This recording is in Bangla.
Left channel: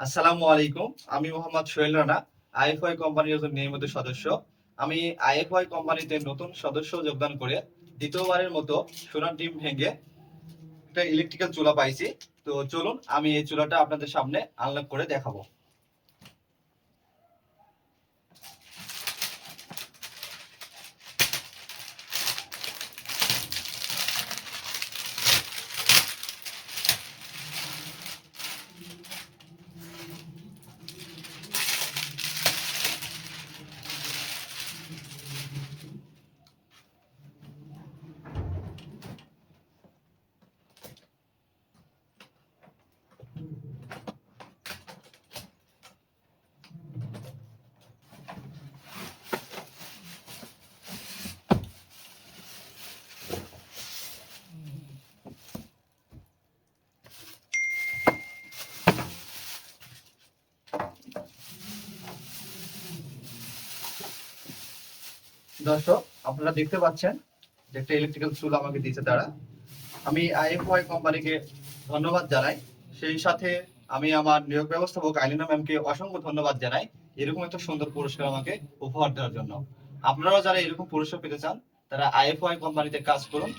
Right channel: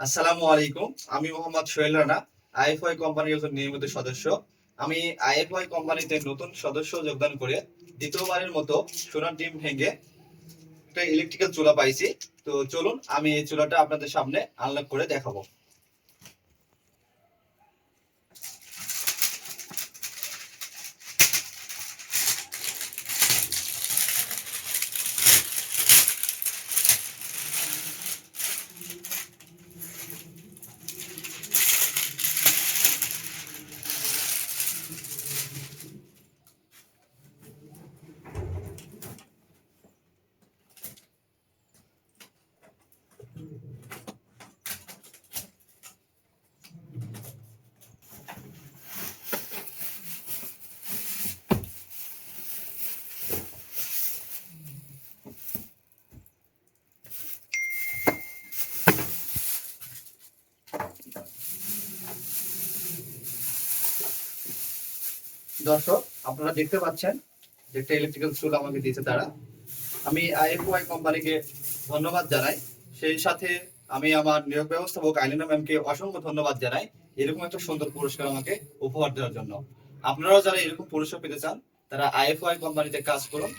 আসসালামু আলাইকুম। আমি মোহাম্মদ সোহেল রানা, আইএফআই কোম্পানির একজন নিয়মিত সদস্য। আমি আইএফআই কোম্পানিতে নতুন সদস্য যোগদান করে দ্বিতীয়বারের মতো সোনার ডিম ভেঙে একটা ইলেকট্রিক্যাল চুলা পাইছি। তো চলুন আমি এই চুলাটা আপনাদের সামনে আনলক করে দেখাবো। দর্শক, আপনারা দেখতে পাচ্ছেন যে একটা ইলেকট্রিক্যাল চুলা আমাকে দিয়েছে তারা। আমি আইএফওয়াই কোম্পানিকে ধন্যবাদ জানাই। সেই সাথে আমি আমার নিয়োগ ব্যবস্থাপক আইলিনা ম্যামকে অসংখ্য ধন্যবাদ জানাই এরকম একটা সুন্দর পুরস্কার আমাকে উপহার দেওয়ার জন্য। আপনারাও যারা এরকম পুরস্কার পেতে চান তারা আইএফওয়াই কোম্পানিতে কাজ করুন।